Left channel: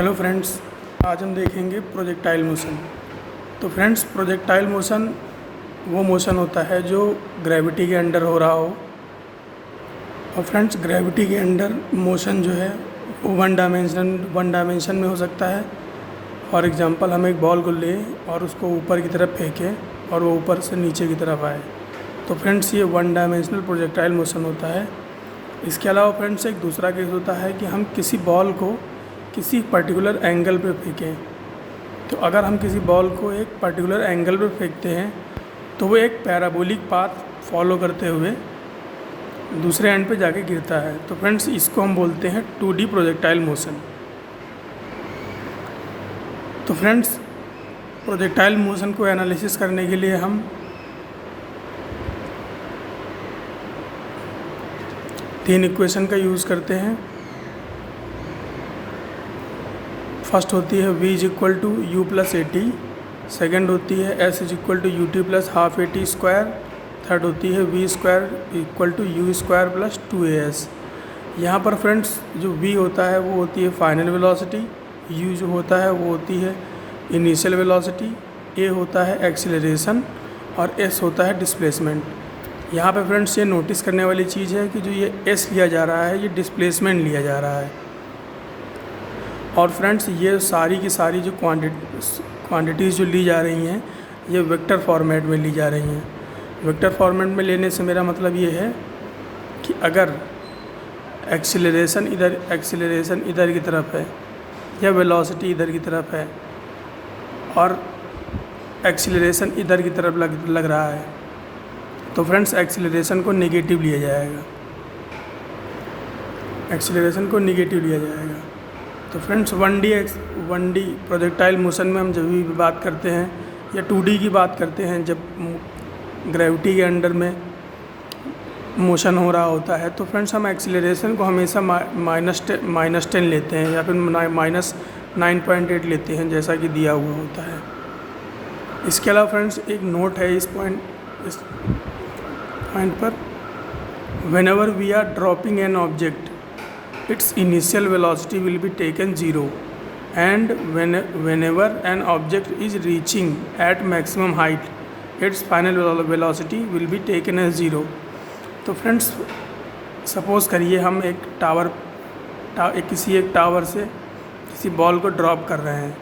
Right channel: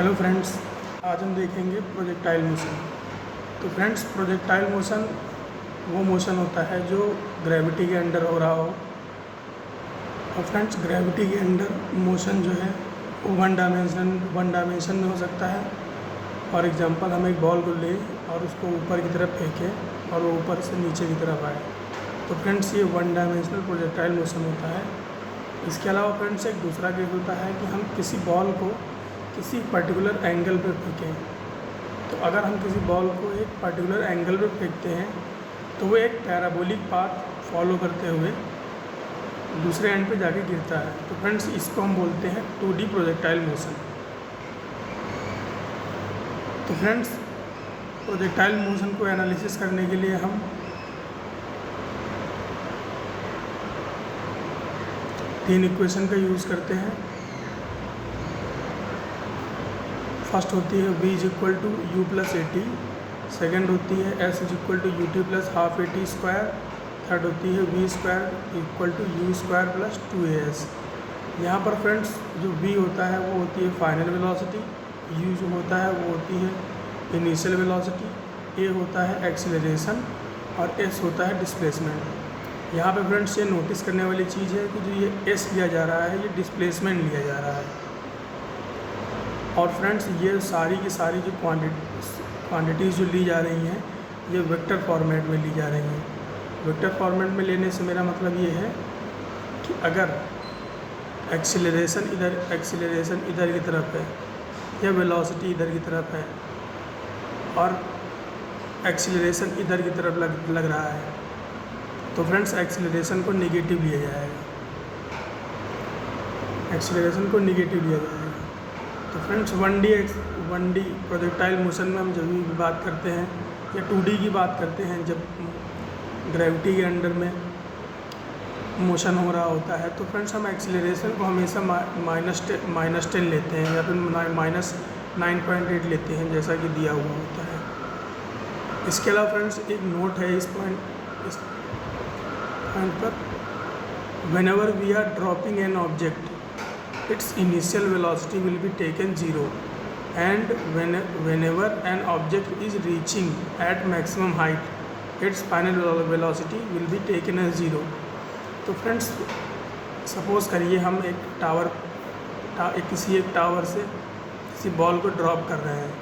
Hello friends, आज हम देखेंगे प्रोजेक्टाइल मोशन। तो फ्रेंड्स, प्रोजेक्टाइल मोशन वो मोशन होता है जो ग्रेविटी के अंडर हो रहा हो। और फ्रेंड्स, ग्रेविटी के अंडर मोशन जो है वो वन डायमेंशन में हो सकता है। फॉर एग्जांपल, हम एक बॉल को लें और उसको ऊपर की तरफ फेंकें और वो ऊपर से नीचे की तरफ आए। तो फ्रेंड्स, ये वन डायमेंशनल प्रोजेक्टाइल मोशन होता है। इसके अलावा फ्रेंड्स, एक दूसरा केस होता है कि हम किसी बॉल को किसी पर्टिकुलर एंगल पे फेंकें। तो अगर हम किसी बॉल को एक पर्टिकुलर एंगल पे फेंकते हैं तो वो एक पैराबोलिक पाथ फॉलो करते हुए दूसरे एंड पे जाके गिरता है। तो फ्रेंड्स, इसको हम बोलते हैं 2D प्रोजेक्टाइल मोशन। तो फ्रेंड्स, प्रोजेक्टाइल मोशन को एनालिसिस करने के लिए हम तीन इक्वेशन का यूज़ करते हैं। फर्स्ट होती है v is equal to u plus a t, second होती है s is equal to u t plus half a t square, third होती है v square equal to u square plus 2as। यहाँ पर फ्रेंड्स, जो v होता है वो होती है फाइनल वेलोसिटी, u जो होता है वो होती है इनिशियल वेलोसिटी, a होता है एक्सीलरेशन और s होता है डिस्प्लेसमेंट। यहाँ पर फ्रेंड्स, ये नोटिस करने वाली चीज़ है कि जो ये s लिया जा रहा है ये डिस्प्लेसमेंट लिया जा रहा है। और फ्रेंड्स, ये सारी की सारी जो क्वांटिटीज़ जो ली जा रही हैं ये वेक्टर फॉर्मेट में ली जा रही हैं। वेक्टर फॉर्मेट में लेने से मेरा मतलब ये है कि अगर एक्सीलरेशन इधर की तरफ है या वेलोसिटी इधर की तरफ है और एक्सीलरेशन इधर की तरफ लग रहा है तो फ्रेंड्स, एक्सीलरेशन को नेगेटिव लिया जाएगा। तो फ्रेंड्स, 1D प्रोजेक्टाइल मोशन में हम जब भी बात करते हैं या 2D की बात करते हैं, जब ग्रेविटी के अंडर में मोशन हो रहा होता है तो फ्रेंड्स, हम एक्सीलरेशन को हमेशा -10 लेते हैं या फिर -9.8 लेते हैं, जैसा कि दिया हुआ होता है। इसके अलावा फ्रेंड्स, एक नोट है इस पॉइंट पर, whenever we are dropping an object its initial velocity will be taken 0 and whenever an object is reaching at maximum height its final velocity will be taken as 0। तो friends, suppose करिए हम एक tower से किसी ball को drop कर रहे हैं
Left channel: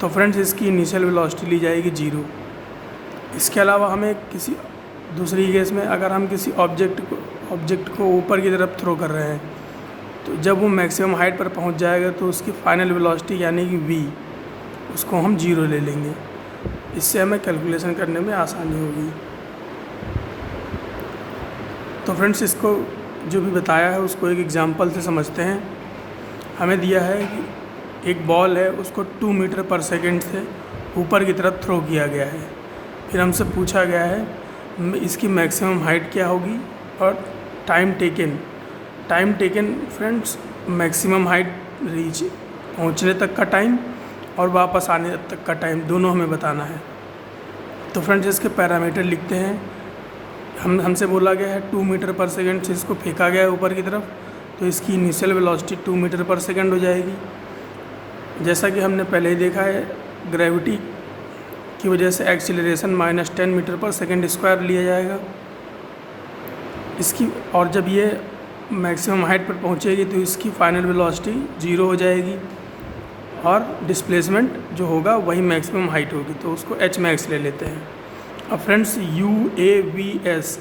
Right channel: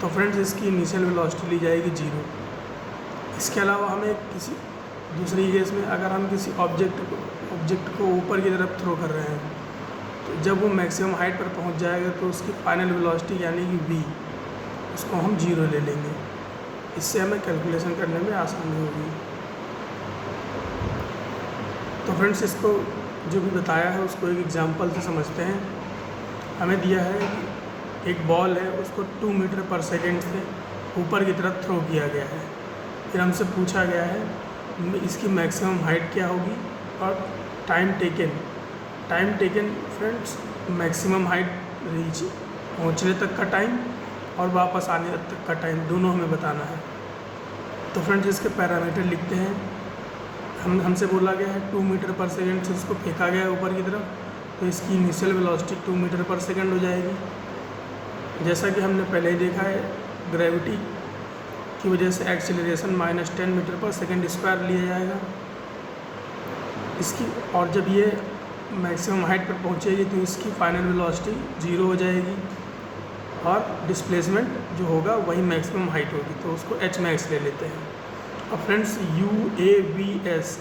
तो फ्रेंड्स, इसकी इनिशियल वेलोसिटी ली जाएगी 0। इसके अलावा हमें किसी दूसरी केस में अगर हम किसी ऑब्जेक्ट को ऊपर की तरफ थ्रो कर रहे हैं तो जब वो मैक्सिमम हाइट पर पहुंच जाएगा तो उसकी फाइनल वेलोसिटी यानी कि v उसको हम 0 ले लेंगे। इससे हमें कैलकुलेशन करने में आसानी होगी। तो फ्रेंड्स, इसको जो भी बताया है उसको एक एग्जांपल से समझते हैं। हमें दिया है कि एक बॉल है, उसको 2 मीटर पर सेकेंड से ऊपर की तरफ थ्रो किया गया है। फिर हमसे पूछा गया है इसकी मैक्सिमम हाइट क्या होगी और time taken friends, maximum height reach पहुंचने तक का टाइम और वापस आने तक का टाइम दोनों हमें बताना है। तो फ्रेंड्स, इसके पैरामीटर लिखते हैं। हमसे बोला गया है 2 मीटर पर सेकेंड से इसको फेंका गया है ऊपर की तरफ, तो इसकी इनिशियल वेलोसिटी 2 मीटर पर सेकेंड हो जाएगी। जैसा कि हमने पहले ही देखा है, ग्रेविटी की वजह से एक्सीलरेशन -10 मीटर पर सेकेंड स्क्वायर लिया जाएगा इसकी, और जब ये मैक्सिमम हाइट पर पहुंचेगी तो इसकी फाइनल वेलोसिटी 0 हो जाएगी और डिस्प्लेसमेंट जो होगा वही मैक्सिमम हाइट होगी, तो उसको h max ले लेते हैं। अब फ्रेंड्स, UAVS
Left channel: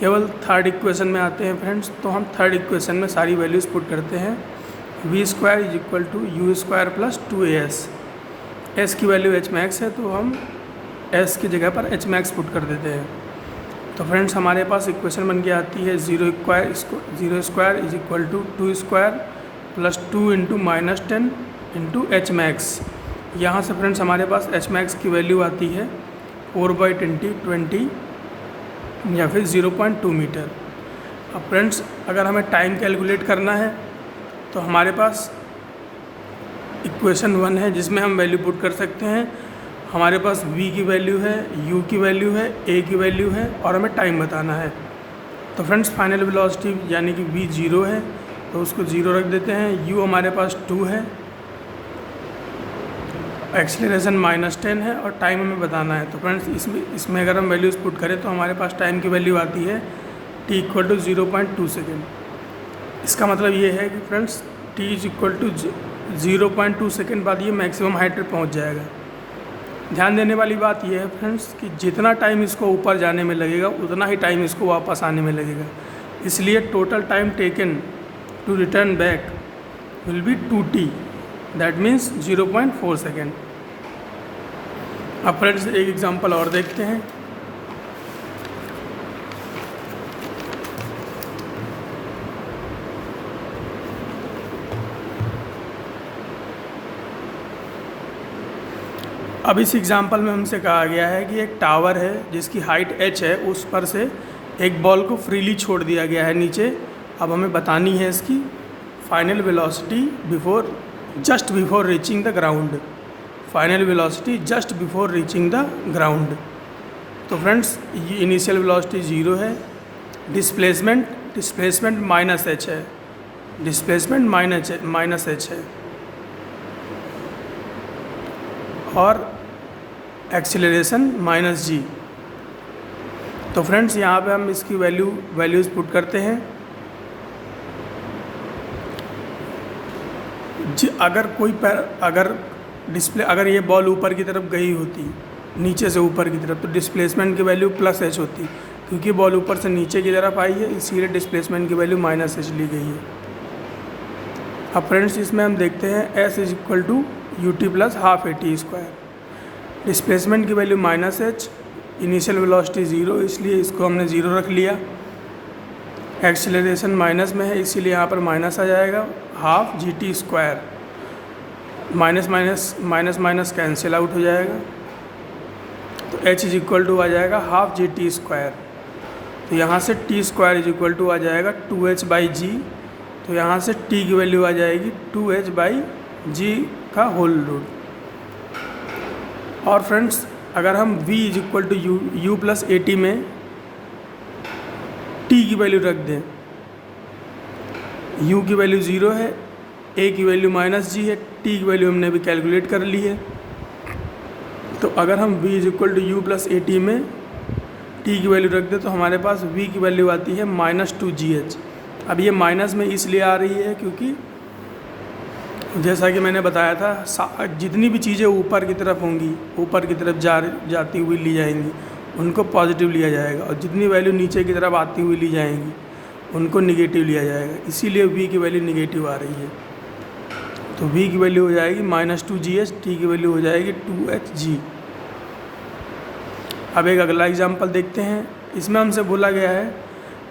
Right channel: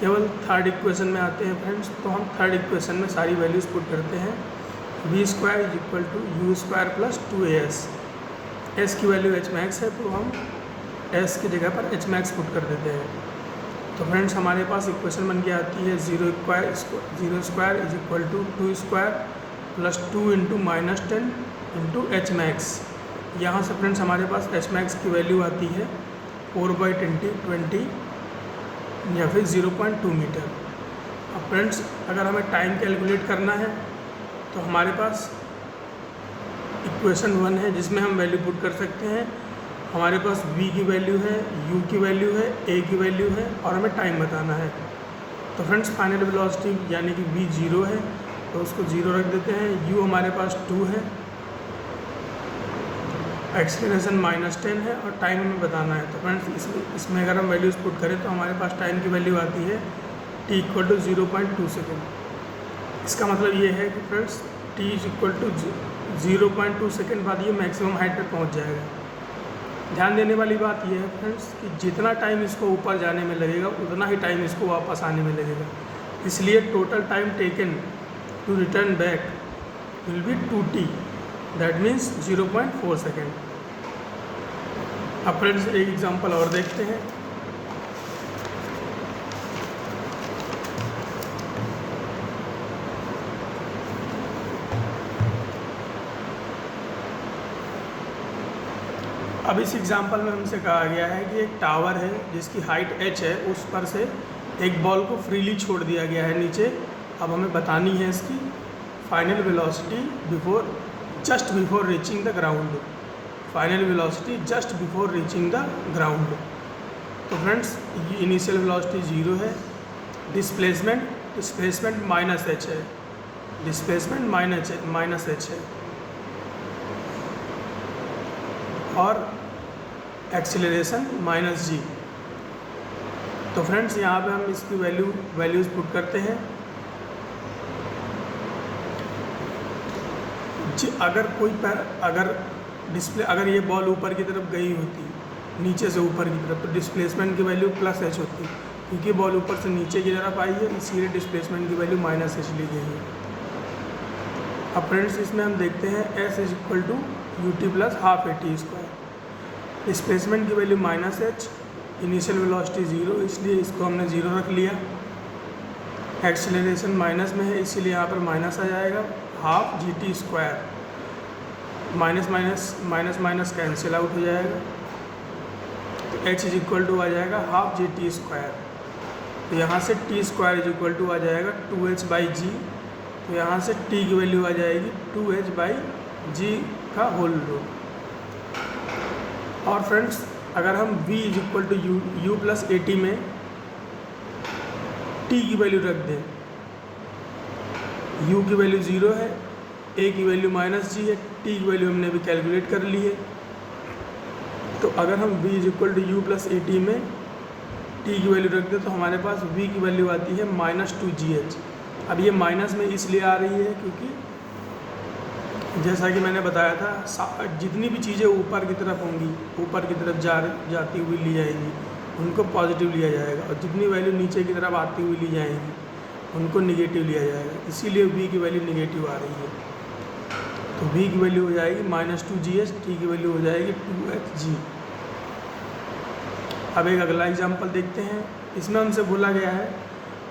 केवल थर्ड इक्वेशन में आते हैं फ्रेंड्स, तो हम थर्ड इक्वेशन में सारी वैल्यूज़ पुट करते हैं। v square is equal to u square plus 2as। s की वैल्यू h max है तो हम s की जगह पर h max पुट कर देते हैं। तो फ्रेंड्स, हमारे पास इक्वेशन बन के आती है 0 square is equal to 2 square plus 2 into -10 into h max। यहाँ से फ्रेंड्स, हमारे पास h max की वैल्यू आती है 4/20 या फिर 0.2 मीटर। अब फ्रेंड्स, अगर हमें टाइम कैलकुलेट करना है तो हमारे पास इक्वेशन 1 है जिसमें हम वैल्यू पुट कर सकते हैं। हमारे पास v की वैल्यू है, u की वैल्यू है, a की वैल्यू है और हमें टाइम बताना है। तो फ्रेंड्स, फाइनल वेलोसिटी यानी कि v 0 है तो उसको 0 रख देते हैं। u हमारे पास 2 है एक्सीलरेशन -10 है और टाइम हमें बताना है। तो फ्रेंड्स इसमें अगर हम वैल्यूज़ पुट करें तो हमारे पास टाइम की वैल्यू आती है t = 0.2 सेकेंड। इसका मतलब ये है कि फ्रेंड्स t = 0.2 सेकेंड बाद ये मैक्सिमम हाइट पर पहुँच जाएगा। ध्यान देने वाली बात यह है फ्रेंड्स कि जितना टाइम इसको ऊपर जाने में लगेगा उतना ही टाइम इसको वापस आने में लगेगा, इसलिए total time taken to return back will be 2t, that means 0.4 second. अब फ्रेंड्स एक एग्जांपल और देखते हैं। अब इस एग्जांपल में हमसे कहा गया है कि एक टावर है जिसकी हाइट h है, उस पर से एक बॉल को फ्रीली छोड़ दिया गया है नीचे। अब हमें बतानी है इसकी final velocity just before reaching the ground. Final velocity just before reaching the ground. तो फ्रेंड्स ये इनिशियल वेलोसिटी 0 है, डिस्प्लेसमेंट -h है, डिस्प्लेसमेंट -h है, और एक्सीलरेशन -g। तो फ्रेंड्स यहाँ पे हम इसकी वैल्यूज़ पुट करते हैं। अगर ये बॉल ऊपर की तरफ गई होती, नीचे से ऊपर की तरफ, तो डिस्प्लेसमेंट की वैल्यू +h होती। क्योंकि बॉल ऊपर से नीचे की तरफ आई है इसीलिए डिस्प्लेसमेंट की वैल्यू -h ली गई है। अब फ्रेंड्स इसमें हम देखते हैं s = ut + ½ at²। डिस्प्लेसमेंट की वैल्यू -h, इनिशियल वेलोसिटी 0 इसलिए इसको हमने 0 रख लिया। एक्सीलरेशन माइनस में है इसीलिए यहाँ पर माइनस आ जाएगा, ½ gt²। माइनस कैंसिल आउट हो जाएगा, तो h = आ जाएगा ½ gt²। तो यहाँ से t² आ जाएगा 2h/g। तो यहाँ से t की वैल्यू आ जाएगी 2h/g का होल रूट। और फ्रेंड्स अगर हम v = u + at में t की वैल्यू रख दें, u की वैल्यू 0 है, a की वैल्यू -g है, t की वैल्यू हमने भी कैलकुलेट कर ली है। तो अगर हम v = u + at में t की वैल्यू रख दें तो हमारे पास v की वैल्यू आती है -2gh। अब ये माइनस में इसलिए आ रही है क्योंकि जैसा कि मैंने बताया था जितनी भी चीज़ें ऊपर की तरफ होंगी, ऊपर की तरफ जाती हुई ली जाएंगी, उनको पॉजिटिव लिया जाएगा, और जितनी वैल्यू नीचे की तरफ आती हुई ली जाएंगी उनको निगेटिव लिया जाएगा। इसीलिए v की वैल्यू निगेटिव आ रही है। तो v की वैल्यू हो जाएगी -2gh, t की वैल्यू हो जाएगी 2hg। अब एक अगला एग्जाम्पल देखते हैं। इसमें हमसे बोला गया है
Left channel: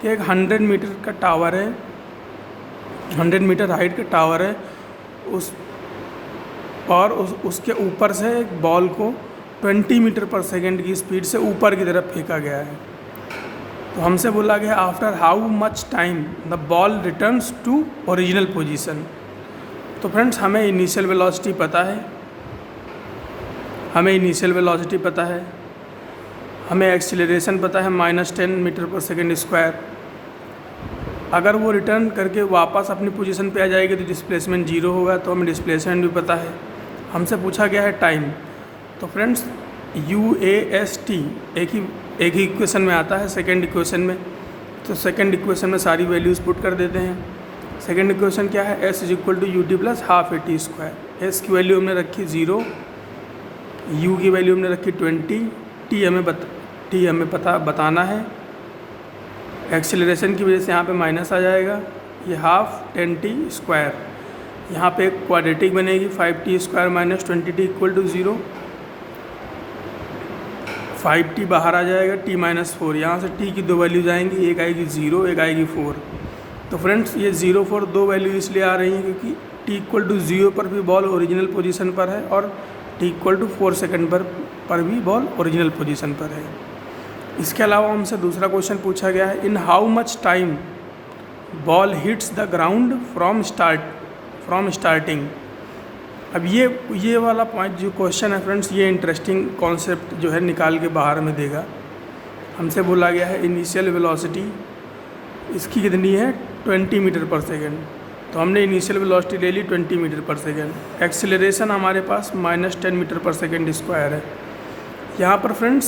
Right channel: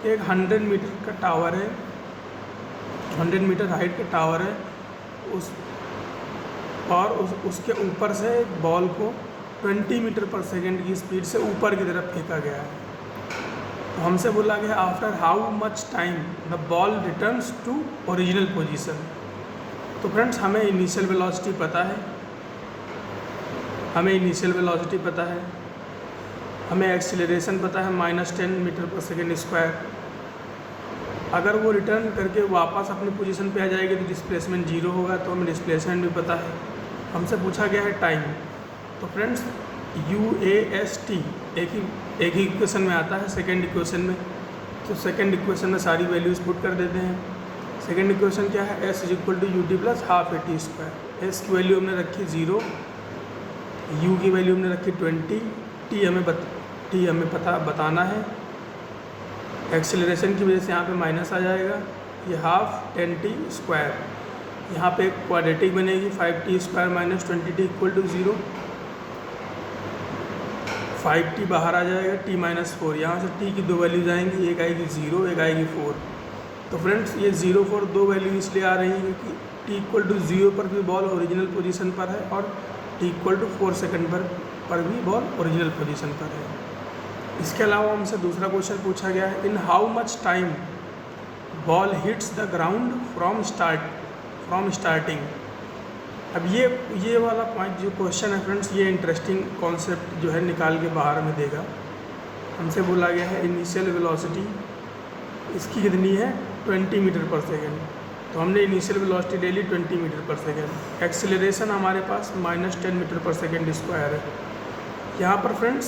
कि एक 100 मीटर का टावर है, 100 मीटर हाइट का टावर है, उसके ऊपर से एक बॉल को 20 मीटर पर सेकेंड की स्पीड से ऊपर की तरफ फेंका गया है। तो हमसे बोला गया after how much time the ball returns to original position. तो फ्रेंड्स हमें इनिशियल वेलोसिटी पता है, हमें एक्सीलरेशन पता है -10 मीटर पर सेकेंड स्क्वायर। अगर वो रिटर्न करके वापस अपनी पोजीशन पे आ जाएगी तो डिस्प्लेसमेंट 0 होगा, तो हमें डिस्प्लेसमेंट भी पता है। हमसे पूछा गया है टाइम। तो फ्रेंड्स UAST एक ही इक्वेशन में आता है, सेकंड इक्वेशन में। तो सेकंड इक्वेशन में सारी वैल्यूज़ पुट कर देते हैं। सेकंड इक्वेशन क्या है, s = ut + ½ at²। s की वैल्यू हमने रखी 0, u की वैल्यू हमने रखी 20, t हमें बताना है। एक्सीलरेशन की वजह से यहाँ पे माइनस आ जाएगा, ये ½ 10t²। यहाँ पे एक क्वाड्रेटिक बनेगी 5t² - 20t = 0। 5t बाहर आ जाएगा, t - 4। यहाँ से t की दो वैल्यूज आएंगी, एक आएगी 0, एक आएगी 4। तो फ्रेंड्स ये 0, 4 दो वैल्यू इसलिए आ रही हैं क्योंकि t = 0 पर भी बॉल ओरिजिनल पोजीशन पर है और t = 4 सेकेंड पर भी बॉल ओरिजिनल पोजीशन पर है। इसके अलावा हमसे दूसरा क्वेश्चन पूछा गया है, in how much time ball hits the ground from starting. अब ये वाला पॉइंट जो क्वेश्चन है फ्रेंड्स, ये इंटरेस्टिंग कॉन्सेप्ट जो है निकाल के बाहर में देगा। हमसे बोला गया है इनिशियल वेलोसिटी इसकी कितनी है 20 मीटर पर सेकेंड। तो तो हमने इनिशियल वेलोसिटी ले ली 20 मीटर पर सेकेंड। एक्सेलरेशन हमारे पास -10 मीटर पर सेकेंड स्क्वायर है। यहाँ पर फ्रेंड्स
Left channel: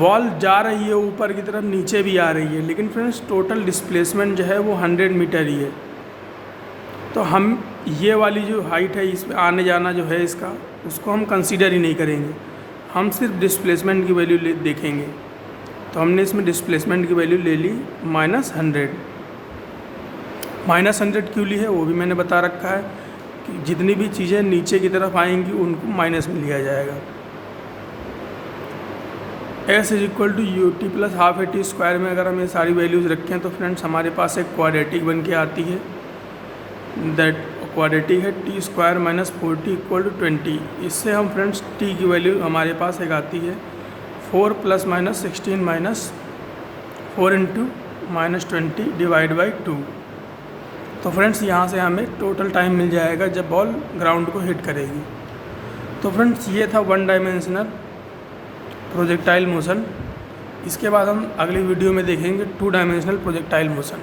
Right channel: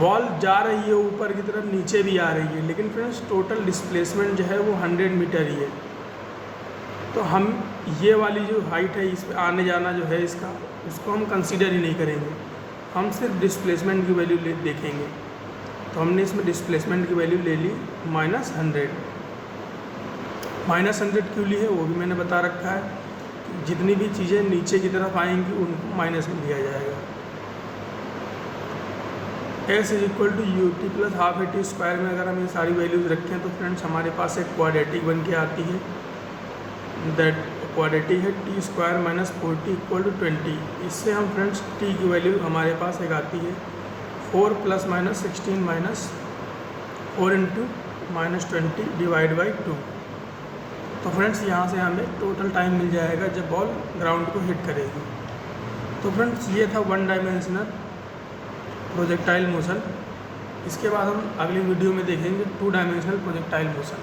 बॉल जा रही है ऊपर की तरफ, नीचे भी आ रही है, लेकिन फ्रेंड्स टोटल डिस्प्लेसमेंट जो है वो 100 मीटर ही है। तो हम ये वाली जो हाइट है, इसमें आने जाना जो है इसका, उसको हम कंसीडर ही नहीं करेंगे, हम सिर्फ डिस्प्लेसमेंट की वैल्यू देखेंगे। तो हमने इसमें डिस्प्लेसमेंट की वैल्यू ले ली -100। -100 क्यों ली है वो भी मैंने बता रखा है कि जितनी भी चीज़ें नीचे की तरफ आएंगी उनको माइनस में लिया जाएगा। S = UT + ½ AT स्क्वायर में अगर हम ये सारी वैल्यूज़ रखें तो फ्रेंड्स हमारे पास एक क्वाड्रेटिक बन के आती है। दैट क्वाड्रेटिक है t² - 4t = 20। इससे हम फ्रेंड्स t की वैल्यू हमारे पास एक आती है 4 + -16 - 4 × -20 / 2। तो फ्रेंड्स यहाँ से हमें टोटल टाइम मिल जाएगा जब बॉल ग्राउंड को हिट करेगी। तो फ्रेंड्स ये था 1 डायमेंशनल प्रोजेक्टाइल मोशन। इसके बाद हम अगली वीडियो में देखेंगे 2 डायमेंशनल प्रोजेक्टाइल मोशन।